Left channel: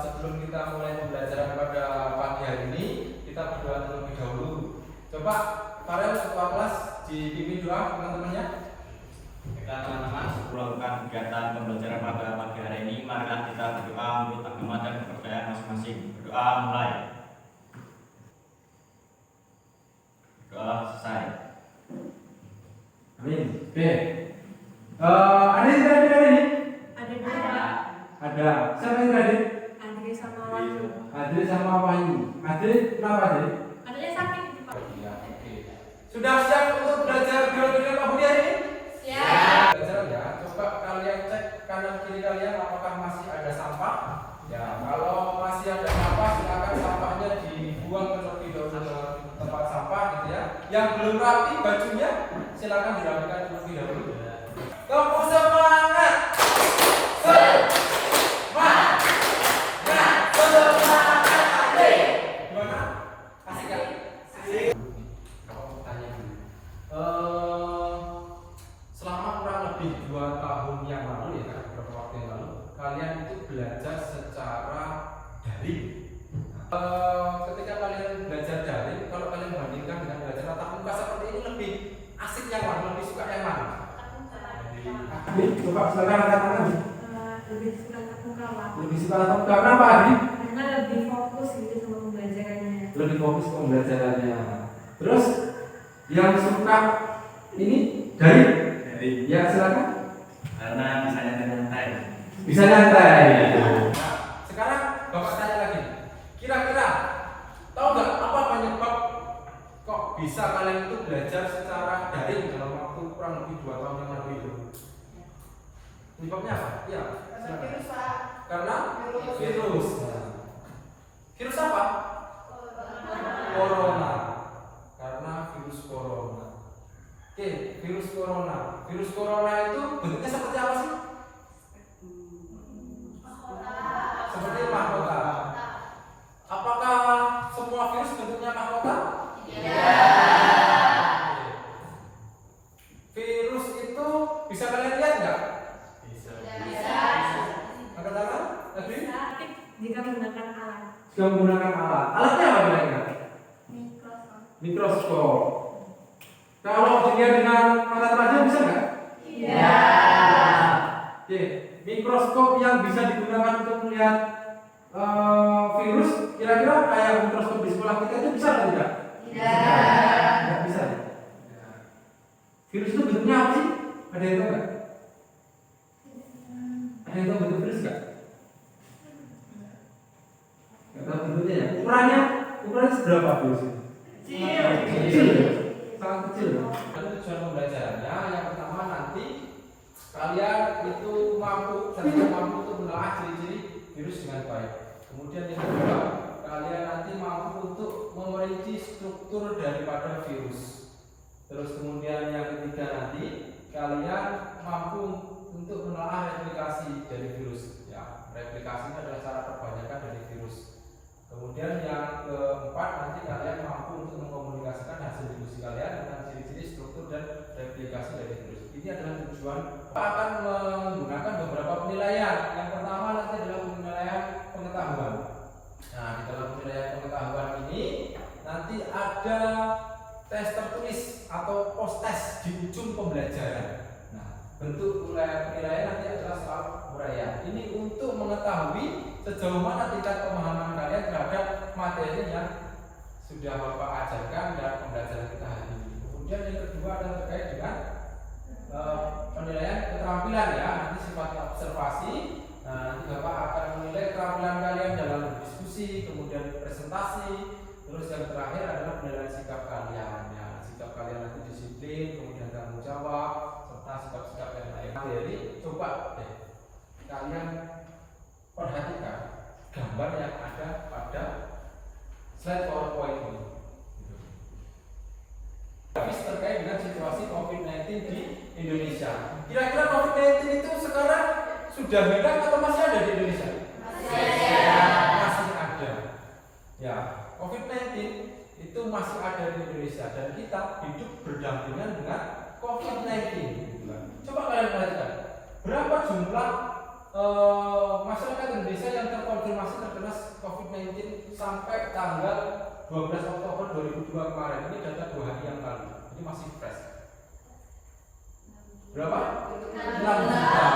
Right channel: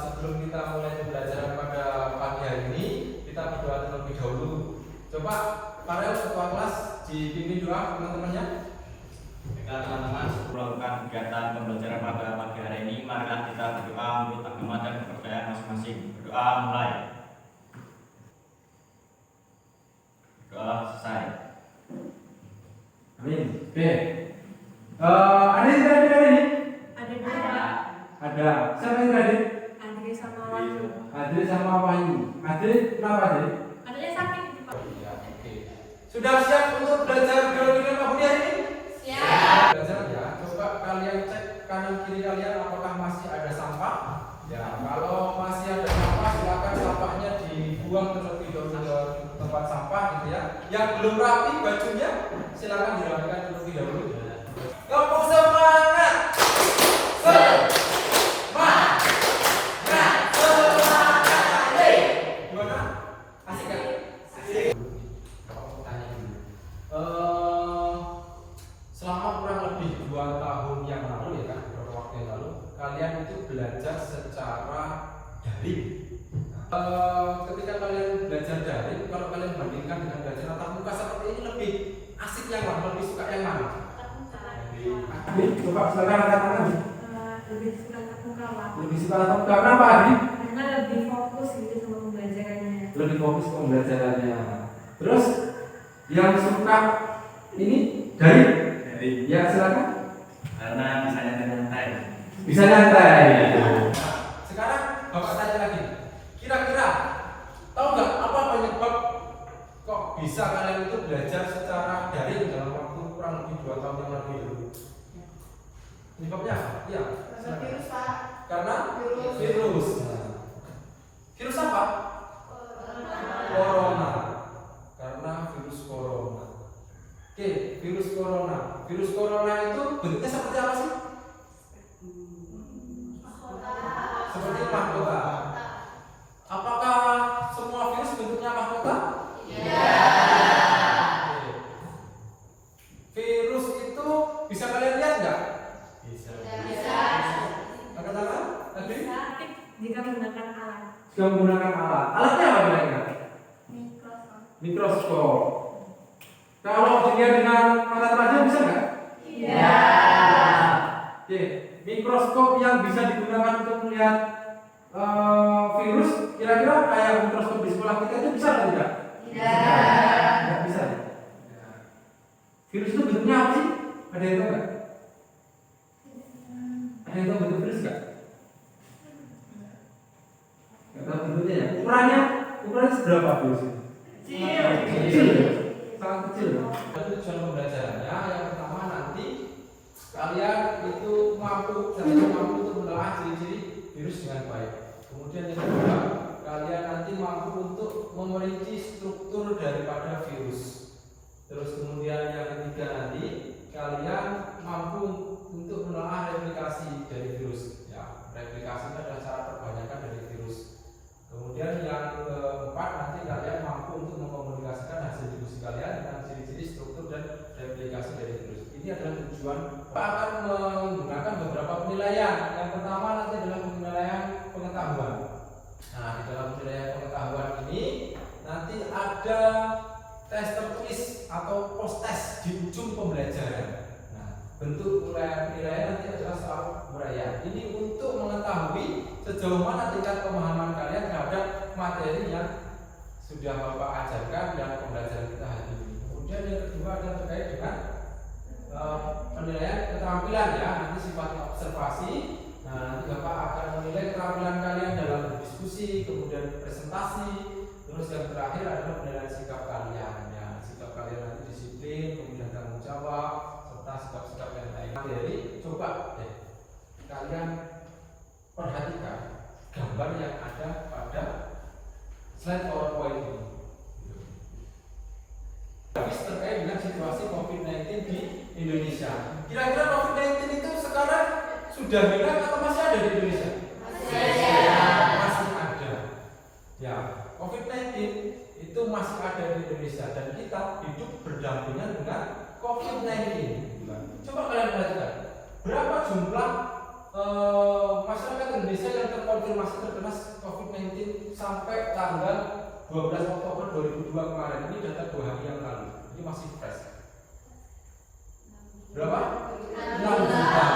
Sebelum kita mulai pembelajaran pada pagi hari ini, kita berdoa terlebih dahulu. Coba para kepala kelas dipimpin doa teman-temannya. Baiklah teman-teman, sebelum melakukan kegiatan pembelajaran pada pagi hari ini, marilah kita berdoa menurut agama dan kepercayaan masing-masing. Berdoa mulai. Berdoa selesai. Amin. Oke. Ada yang tadi ini? Ada. Ada. Siapa yang tadi? Adri sama Wahyu. Adri sama Wahyu. Adri kenapa Adri? Adanya sakit di Pak. Iya, oke. Sudah siap untuk belajar dengan Pak Budi hari ini? Siap. Belajar ya. Coba kalian cek kanan kiri kalian apakah masih ada sampah. Ya, kalau masih ada sampah silakan sampahnya dibuang terlebih dahulu ke tempat sampah gitu ya. Yang belum rapi bajunya silakan dirapikan terlebih dahulu. Tepuk semangat. Semangat. Gimana? Asik ya? Tanya dulu. Selama kurang lebih 2 tahun yang lalu ya kan, beberapa waktu yang lalu, kalian itu belajar secara daring. Ketika kalian belajar daring, kalau kalian bandingkan dengan belajar tatap muka seperti ini, lebih asik yang mana? Lebih suka yang mana? Coba silakan katakan. Lebih suka tatap muka, Pak. Lebih suka tatap muka. Kenapa Adi? Karena lebih fokus gitu sama pembelajarannya. Lebih fokus ke pembelajarannya. Terus yang suka ini dari ya silakan. Karena bisa nyantai. Bisa nyantai. Sekarang Bapak tanya lagi. Kira-kira tahu nggak apa penyebab kok bisa kalian itu belajar secara daring dalam waktu kurang lebih 2 tahun yang lalu itu? Penyebabnya apa? Iya. Silakan. Karena virus. Virus apa? Corona. Karena virus corona. Oke, virus corona. Virus corona itu bentuknya seperti apa sih? Seperti mahkota. Apakah semua virus bentuknya mahkota? Iya. Virus itu bisa kalian lihat nggak? Bisa. Katakan, Adri? Sakit jika menggunakan alat. Jika menggunakan alat. Alatnya apa kira-kira? Mikroskop. Mikroskop. Kalau dilihat dengan mata telanjang bisa nggak? Iya. Oke, mikroskop yang bisa digunakan untuk melihat virus, kira-kira kayak mikroskop di sekolah kita itu bisa atau tidak? Tidak. Nggak bisa. Virus itu bentuknya apa sih? Ada yang tahu nggak? Ada yang tahu bentuk virus nggak? Nggak tahu bentuknya ya. Ukurannya seberapa virus itu? Kecil ya? Sangat kecil. Tujuan pembelajarannya yang pertama nanti kalian itu mampu untuk menelaah ciri-ciri virus dengan baik. Kemudian yang kedua, kalian nanti mampu untuk memerinci struktur daripada virus. Terus kemudian yang ketiga nanti kalian mampu untuk menelaah replikasi dari virus. Ya, replikasi itu adalah cara perbanyakan dari virus. Kemudian yang keempat nanti kalian mampu untuk mengkomunikasikan hasil diskusi kalian dengan ciri-ciri struktur dan replikasi dari virus. Ini adalah tujuan. Kita akan menggunakan beberapa penilaian. Yang pertama nanti adalah penilaian pengetahuan. Nah, di dalam penilaian pengetahuan ini nanti ada tes tertulis atau post test di ujung pembelajaran. Nah, bentuk penilaian nanti adalah soal uraian. Ini untuk mengetahui sejauh mana tingkat pemahaman kalian terhadap materi yang sudah Bapak ajarkan dan pembelajaran kita hari ini. Kemudian yang kedua adalah terkait dengan penilaian keterampilan ya, nanti sifatnya observasi. Nah, nanti Bapak akan menilai keterampilan kalian dalam berdiskusi, kemudian presentasi. Terus yang terakhir adalah penilaian sikap kalian ya, sikap kalian nanti disiplin, kemudian tanggung jawab, serta sikap-sikap yang lain. Jadi coba deh kalian perhatikan gambar yang ada pada slide PowerPoint ini. Terkait dengan situasi COVID-19 di Indonesia. Kira-kira COVID-19 itu sekarang sudah hilang atau masih ada di Indonesia? Masih ada. Ya, COVID-19 itu masih ada di Indonesia dan kita hidup berdampingan dengan COVID-19. Coba kalian perhatikan, berapa jumlah masyarakat Indonesia yang terkonfirmasi terkena COVID-19 sampai tanggal 12 Oktober 2002 kemarin. Ini data 2 hari yang lalu. Ini masih fresh. Berapa? 6 juta.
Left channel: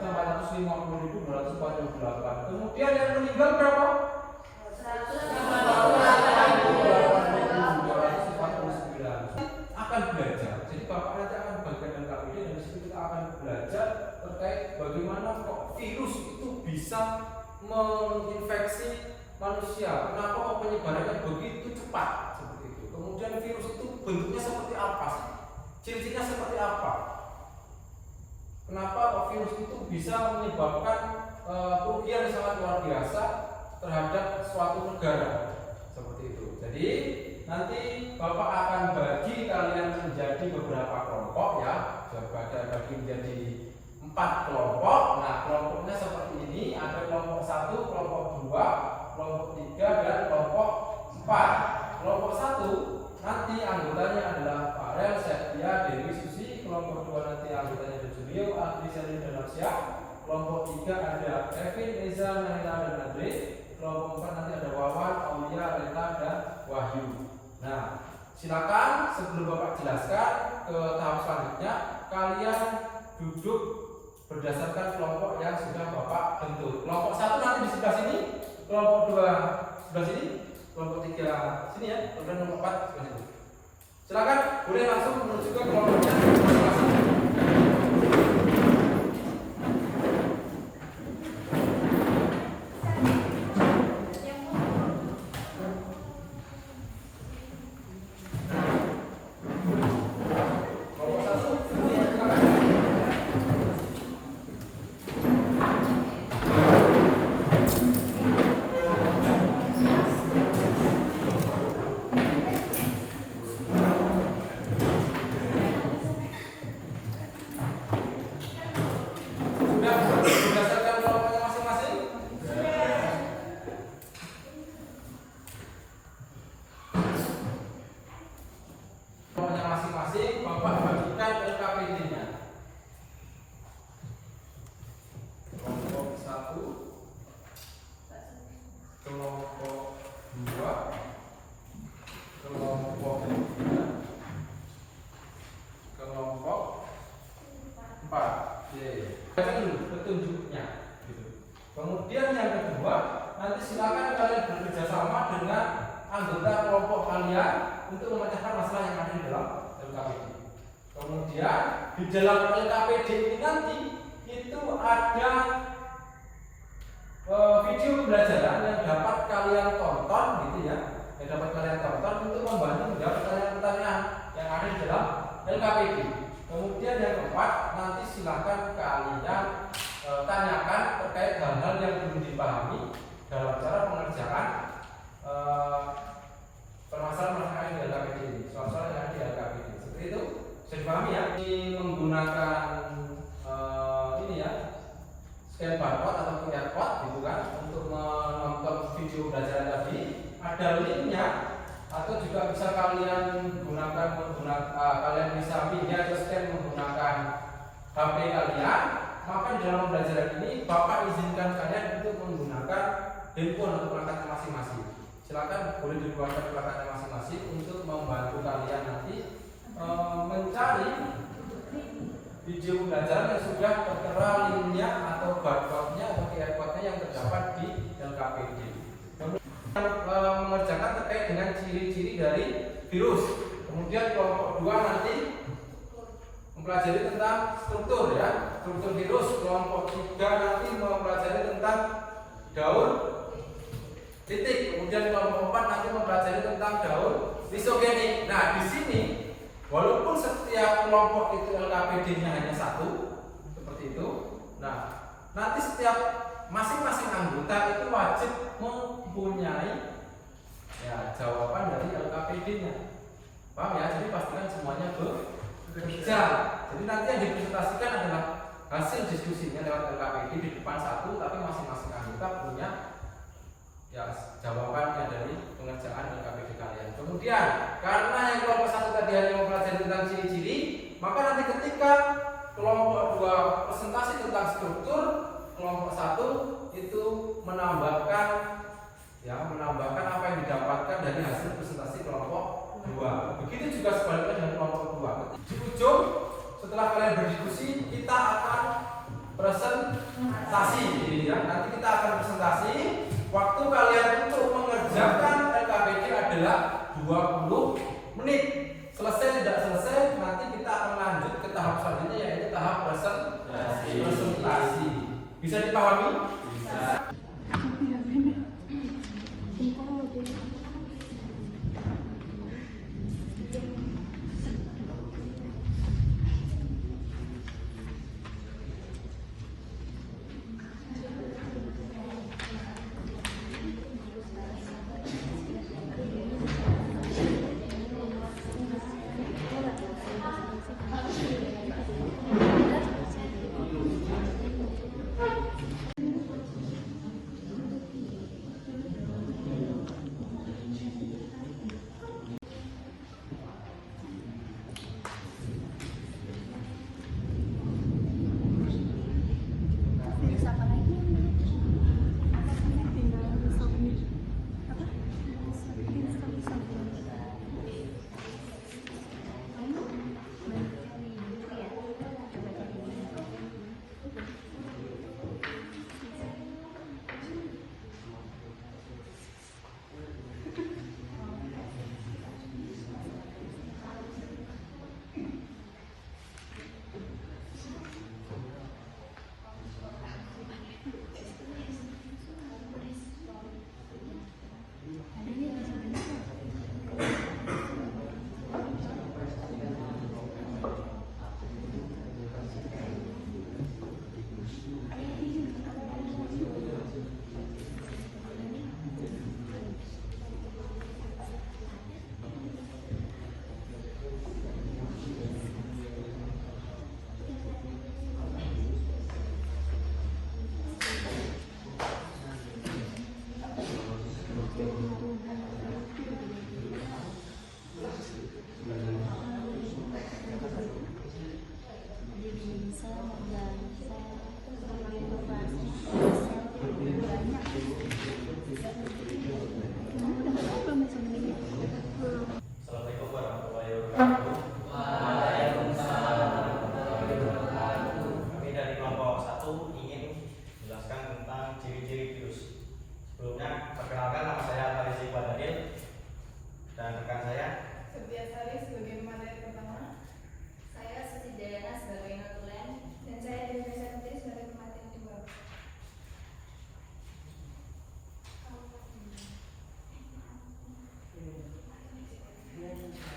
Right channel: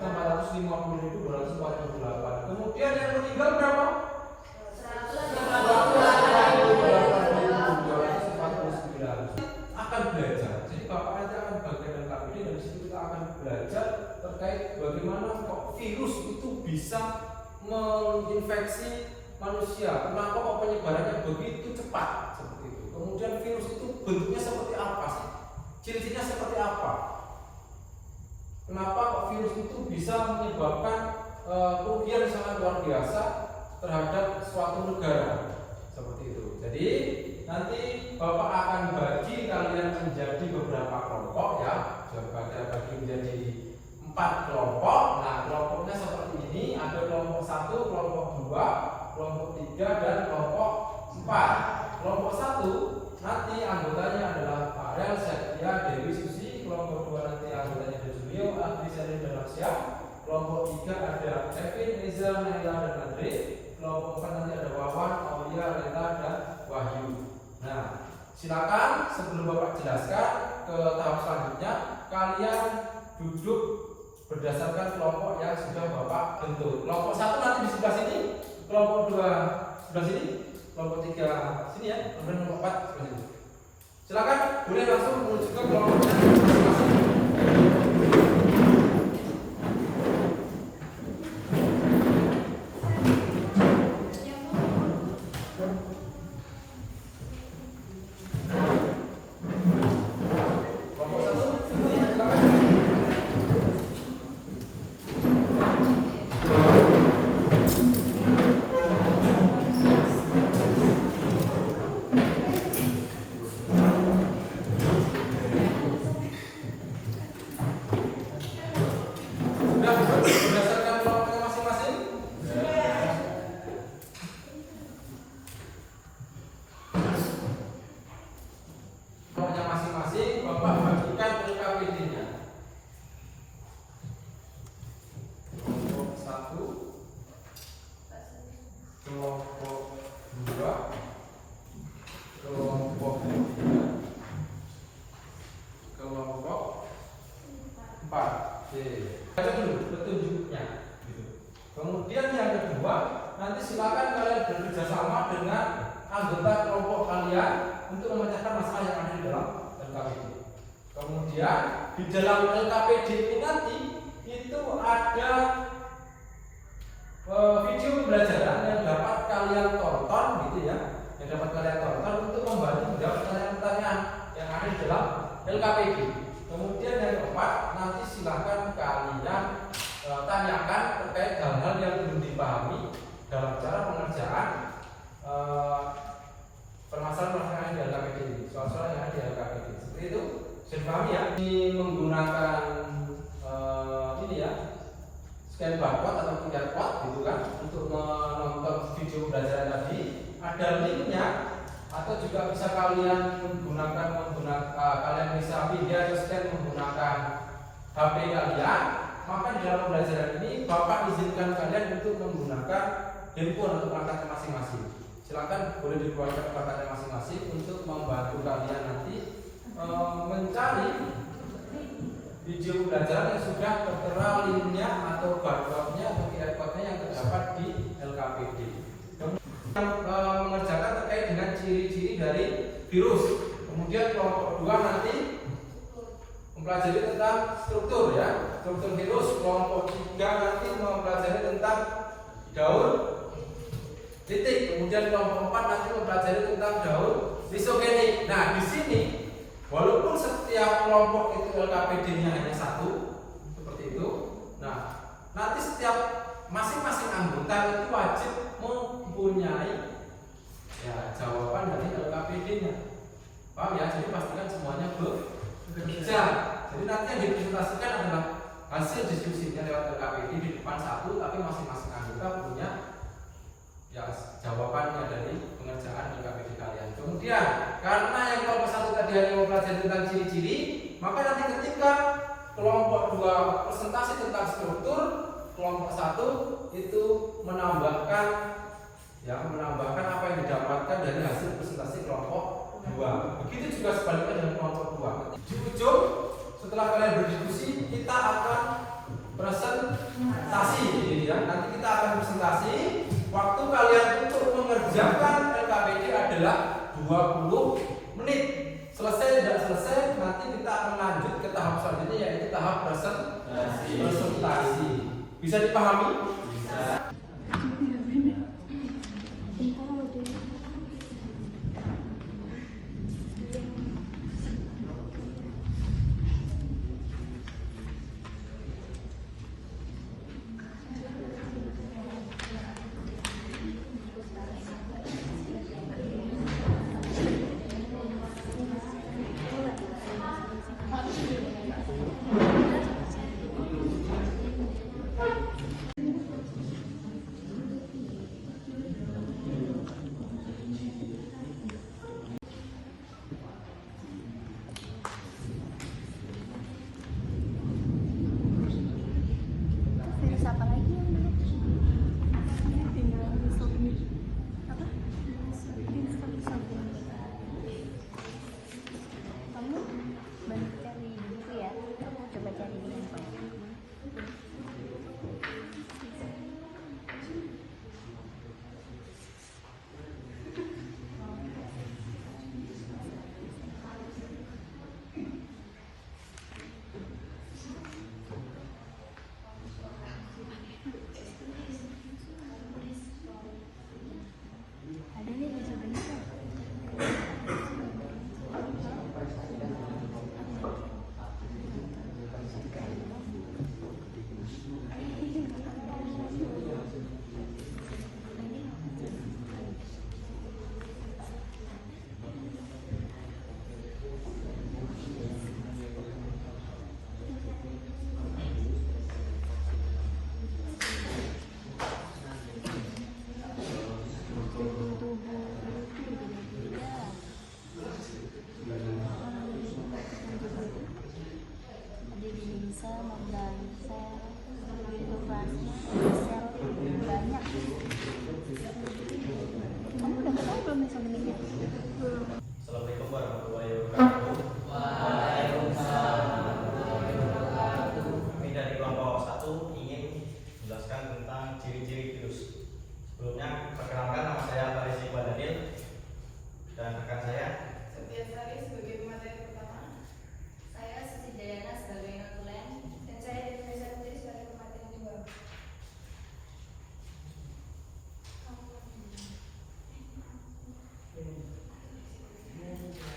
6.450.248. Kemudian yang meninggal berapa? 148.249. Akan belajar. Jadi Bapak nanti akan bagian KPD dan disitu kita akan belajar terkait bagaimana kok virus itu bisa menginfeksi manusia. Kenapa kok penyebarannya begitu cepat seperti itu? Kemudian virus itu bentuknya seperti apa sih? Ciri-cirinya seperti apa? Kenapa kok virus itu bisa menyebabkan kerugian yang sangat luar biasa terhadap suatu negara seperti itu. Jadi nanti Bapak akan bagi kalian menjadi beberapa kelompok ya, bagi menjadi 4 kelompok. Nah, kelompoknya seperti ini, ada kelompok 1, kelompok 2, kelompok 3, dan kelompok 4. Kelompok 1 nanti anggotanya adalah Farel, Setia, Dewi, Susi. Kelompok 2 nanti anggotanya ada Junio, Adri, Selin, dan Rasya. Kelompok 3 ada Kevin, Eza, Naila, dan Andre. Kelompok 4 nanti ada Wawan, Aulia, Rena, dan Wahyu. Nah, silakan sebelum Bapak jelaskan ke tahap selanjutnya, kalian duduk berdasarkan kelompok yang sudah Bapak bentuk. Kelompok 1 nanti di sebelah sini, kelompok 2 sebelah sini, kelompok 3 sini ya, kemudian kelompok 4 sebelah sini. Silakan, boleh langsung menuju ke kelompoknya masing-masing. Berdasarkan kelompoknya masing-masing. Kelompoknya masing-masing, Bapak bagikan LKPD-nya. Kelompok 1, kelompok 2, kelompok 3, kelompok 4. Petunjuknya gitu. Kemudian yang kedua, nanti silakan kalian bekerja sama dengan anggota kelompok kalian untuk memecahkan masalah yang ada di dalam LKPD. Kemudian di dalam LKPD ini nanti itu ada video pembelajaran yang dapat kalian tonton gitu ya, yang dapat kalian tonton untuk membantu menjawab pertanyaan-pertanyaan yang ada di dalam LKPD. Kemudian yang keempat, nanti silakan kalian tanyakan terkait hal-hal yang belum dipahami dalam cara pengerjaan permasalahan-permasalahan yang di LKPD ini, soal-soal yang ada di LKPD. Seperti itu, sudah dipahami ya? Ini menggunakan ini ya, scan barcode atau QR code gitu kan, untuk menonton video pembelajaran tadi. Ada linknya. Atau juga bisa kalian kalian bisa pindah atau scan menggunakan HP kalian. Maka di dalam pembelajaran ini Bapak izinkan kalian untuk menggunakan handphone untuk perangkat masing-masing. Silakan boleh dibuatkan perangkat masing-masing untuk membantu kalian nanti mencari video pembelajaran yang sudah tertera linknya atau barcode-nya atau QR code-nya yang terdapat di LKPD. Mengerjakan terkait dengan ciri-ciri dari virus. Kemudian kelompok 2 nanti mempelajari tentang struktur ya, struktur virus. Kelompok 3 nanti mempelajari tentang daun titik. Kemudian kelompok 4 nanti mempelajari tentang daun lisogenik. Nah, di sini walaupun setiap kelompok itu LKPD-nya hanya 1 seperti itu. Nah, nanti setiap masing-masing anggota itu wajib mempunyai ya jawaban dari LKPD-nya. Paham ya? Jadi pastikan semuanya bekerja. Jadi nanti yang dipresentasikan adalah hasil diskusinya lewat LKPD di depan 1, tapi masing-masing anggota punya ya jawabannya dari pengerjaan LKPD kalian. Kemudian karena yang kelompok 1 tadi hanya mempelajari tentang ciri-ciri, maka nanti ketika kelompok 2 presentasi tentang struktur kelompok 1 itu menambahkan apa yang didapatkan dari hasil presentasi kelompok 2. Begitu juga sebaliknya dengan kelompok 2. Di ujung setelah kalian berdiskusi, kita akan presentasi ini ya. Nanti kita akan presentasi. Waktu kalian untuk mengerjakan LKPD adalah 20 menit. Selesai tidak selesai, nanti kita akan lanjut ke tahap selanjutnya, yaitu tahap presentasi. Bisa dipahami? Bisa. Assalamualaikum warahmatullahi wabarakatuh. Kami dari kelompok 1 ingin menjelaskan tentang ciri-ciri virus. Sebelumnya, perkenalkan, nama saya Altaris Iqbal Daniel dan rekan saya Sebiasari sebagai materi pertama, saya Siti Dayana sebagai notulen, dan saya Indonesia Putri sebagai pemateri kedua.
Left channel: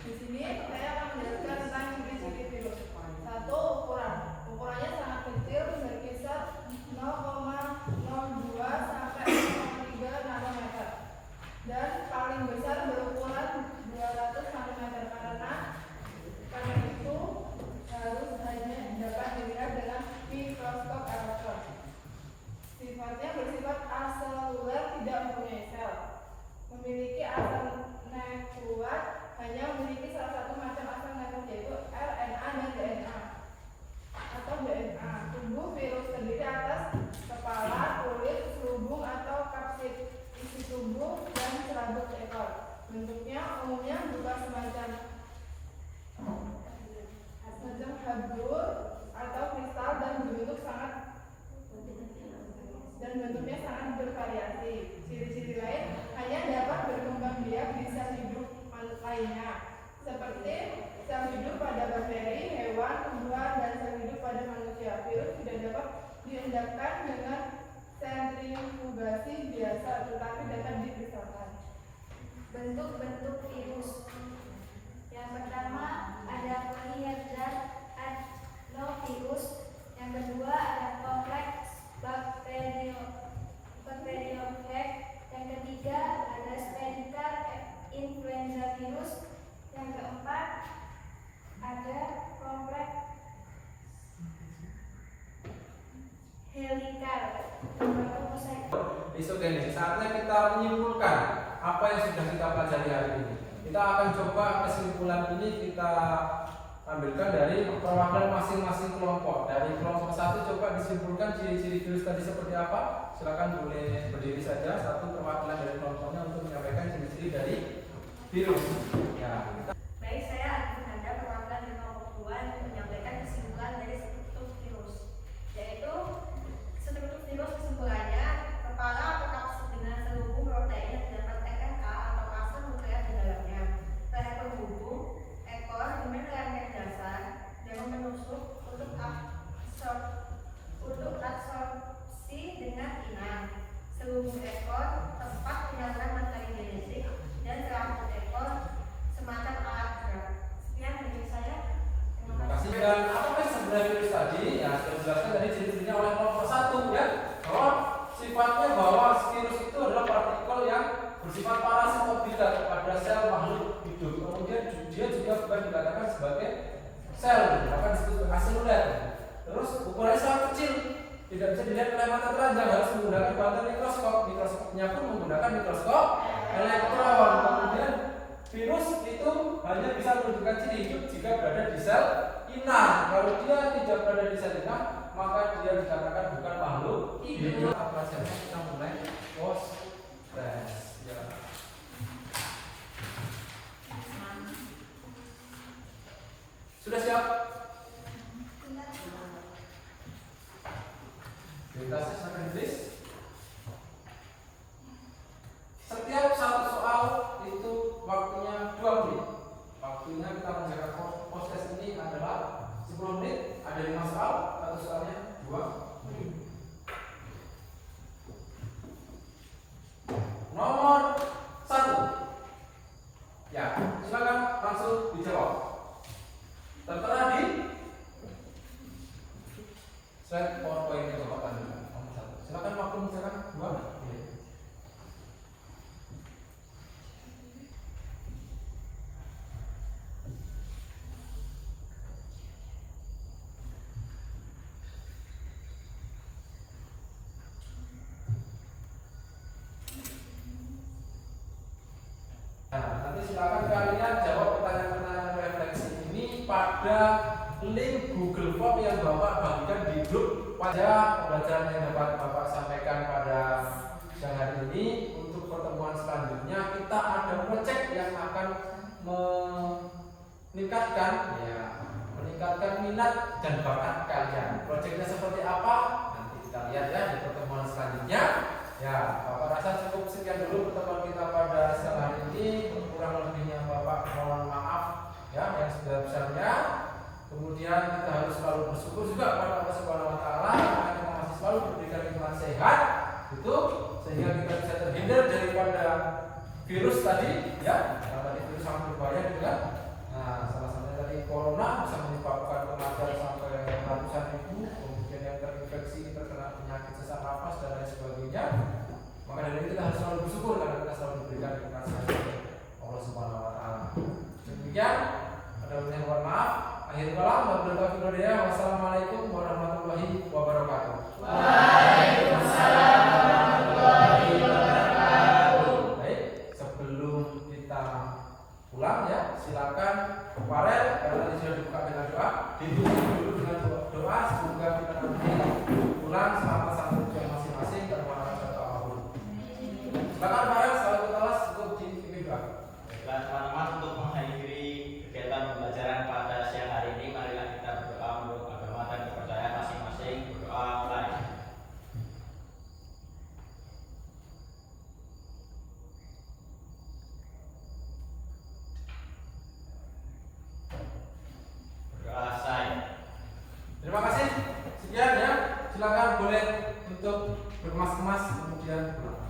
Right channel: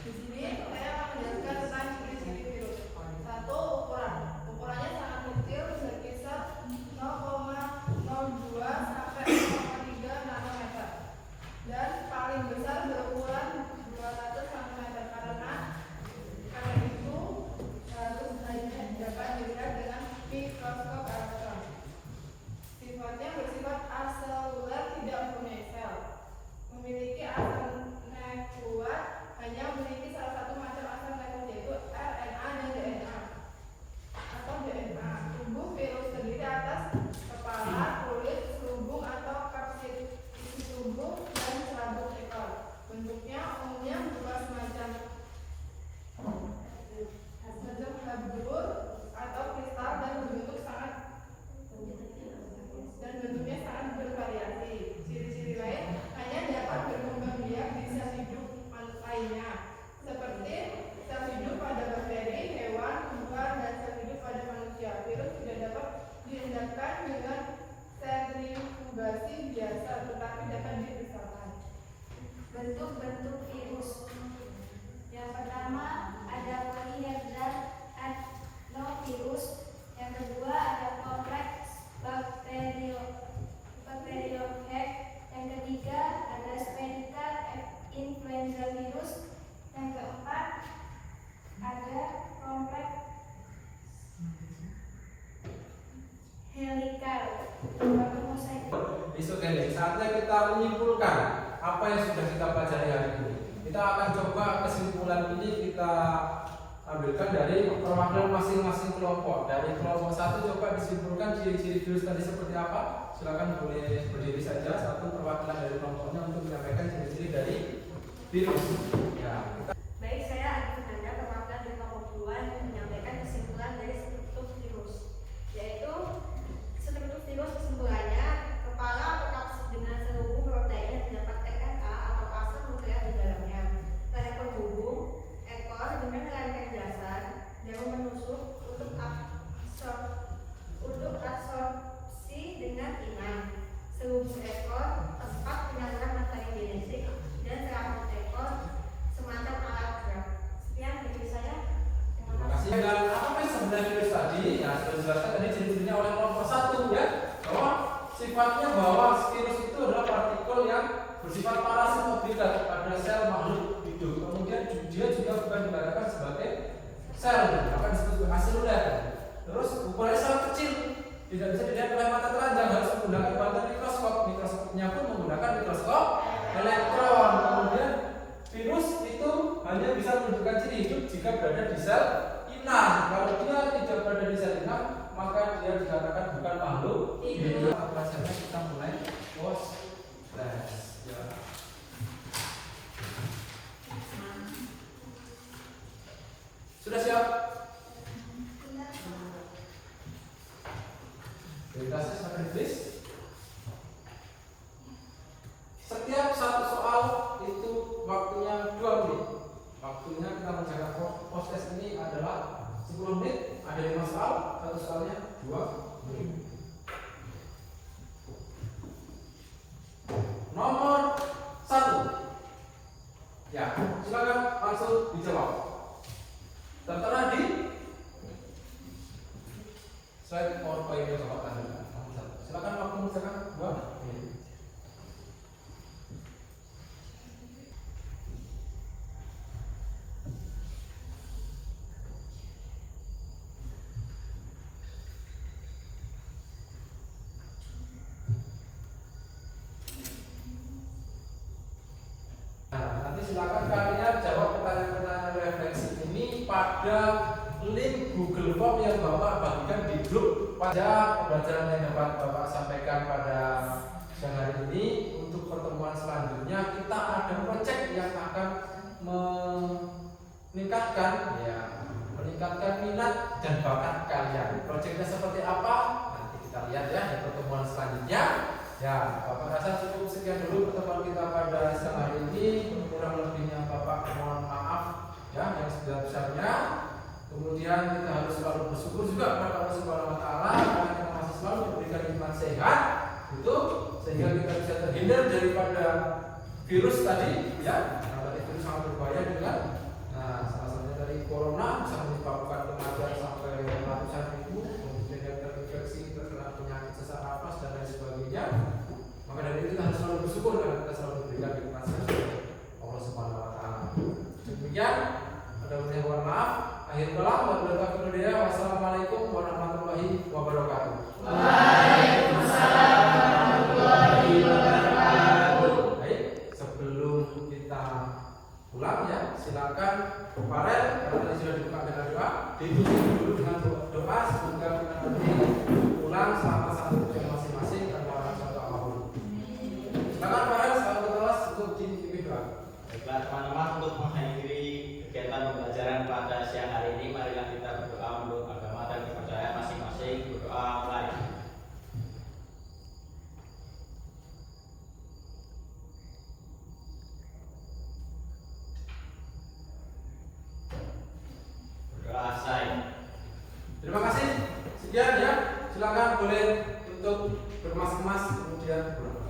Di sini saya akan menjelaskan tentang ciri-ciri virus. 1. Ukurannya sangat kecil, berkisar 0,02 sampai 0,3 nanometer, dan paling besar berukuran 200 cm. Karena itu harus hanya dapat dilihat dengan mikroskop elektron. Sifatnya bersifat aseluler, tidak mempunyai sel. Memiliki asam nukleat, hanya memiliki salah satu macam asam nukleat, yaitu RNA dan DNA atau DNA. Tubuh virus terdiri atas kepala, kulit, selubung atau kapsid isi tubuh, dan serabut ekor. Bentuknya umumnya berupa semacam habur atau kristal dan bentuknya sangat bervariasi. Ciri-ciri lain hanya dapat berkembang biak di sel hidup lainnya, seperti sel hidup pada bakteri, hewan, tumbuhan, dan sel hidup pada manusia. Virus tidak dapat dihadapkan dengan sentrifugasi biasa, tetapi dapat dipisahkan. Bentuk-bentuk virus. Yang pertama ada polyhedral adenovirus. Yang kedua ada kompleks bacteriophage. Yang ketiga ada spherical influenza virus. Yang keempat ada kompleks helical. Besok ini saatnya kita menyimpulkan apa yang sudah kita pelajari hari ini. Kita akan coba kesimpulan ini kita ambilkan dari perwakilan masing-masing kelompok. Dari kelompok 1 coba disimpulkan ciri-ciri virus tadi seperti apa. Silakan boleh berdiri saja satu perwakilan dari kelompoknya untuk menyampaikan ciri-ciri dari virus. Ya. Baik, saya akan Anda perwakilan dari kelompok 2 yang menyampaikan kesimpulan dari struktur virus, yaitu struktur virus kesimpulannya kepala atau kapsul dengan terhubung protein yang terdapat RNA atau kapsul nuklear di dalamnya. Pada penghubung ekor dengan rangkaian dasar yang menusuk untuk absorpsi dengan inang. Selubung ekor tepat penyaluran materi genetik dan rambut ekor semacam alat gerak. Sekian dari saya. Terima kasih. Dan apa sih sebenarnya virus tadi? Ya, sudah dijelaskan tadi ciri-cirinya oleh kelompok 1 ya. Bahwa sifatnya bahwa virus itu adalah partikel yang bersifat parasitoviral pada sel makhluk hidup. Kemudian dia juga bukan dikatakan sebagai sel, bahkan disebut aseluler. Terus ukurannya sangat kecil, tidak bisa dilihat oleh mata telanjang, harus menggunakan bantuan mikroskop. Mikroskopnya pun menggunakan mikroskop elektron. Kemudian virus itu hanya bisa menunjukkan ciri hidup jika berada di sel inang. Kalau dia tidak berada di sel inang, maka dia dikatakan bukan makhluk hidup. Pelajarannya kita mulai post test. Sudah siap? Bebasnya sampai habis. Setiap satu soal itu waktunya 2 menit. Waktunya kita menjaga proses ini adalah 10 menit. Ada 5 soal, satu soalnya 2 menit. Nomor 1. Ya, silakan langsung dijawab. Tertera di slide PowerPoint yang tempat tadi. Silakan waktu misalkan 2 menit. Nanti silakan kalian jawab pertanyaan-pertanyaan refleksi ini pada link Google Form yang Bapak bagikan di grup. Pada pembelajaran yang dapat Bapak sampaikan pada siang hari ini, untuk pertemuan selanjutnya kita ada proyek yang akan meningkatkan minat dan bakat kalian. Proyeknya seperti apa? Nanti kita lihat ya di pertemuan selanjutnya. Ya, Bapak rasa cukup sekian dulu pertemuan kita pada siang hari ini. Kurang lebihnya Bapak mohon maaf ya yang sebesar-besarnya. Kemudian kita harus selalu bersyukur juga kepada Allah Subhanahu wa taala yang masih selalu memberikan iman sehat itu sehingga kita bisa terhindar daripada virus tadi ya. Tadi virus sangat berbahaya dengan salah satunya tadi corona bisa menyebabkan kematian sampai ratusan ribu, kemudian yang terinfeksi terkena penyakit sesak nafas dan lain sebagainya. Maka dari itu kita harus selalu bersyukur karena kita selalu diberikan nikmat sehat Allah Subhanahu wa taala. Demikian, ada mohon maaf. Akhir kalam, wassalamualaikum warahmatullahi wabarakatuh. Waalaikumsalam warahmatullahi wabarakatuh. Baik, sebelum kita pulang ya, silakan Farel karena ini sudah dibuka dengan doa, didukung dulu dengan doa semoga kita nanti pulang sama sampai tujuan masing-masing tanpa lancar apapun. Silakan Farel, selamat kelas untuk dipimpin doa. Baiklah teman-teman, untuk mengakhiri kegiatan pembelajaran pada siang hari ini, marilah kita berdoa menurut agama dan kepercayaan masing-masing. Berdoa mari. Berdoa saya. Terima kasih. Sekian ya. Silakan boleh tutup berkemas-kemas kemudian berdoa.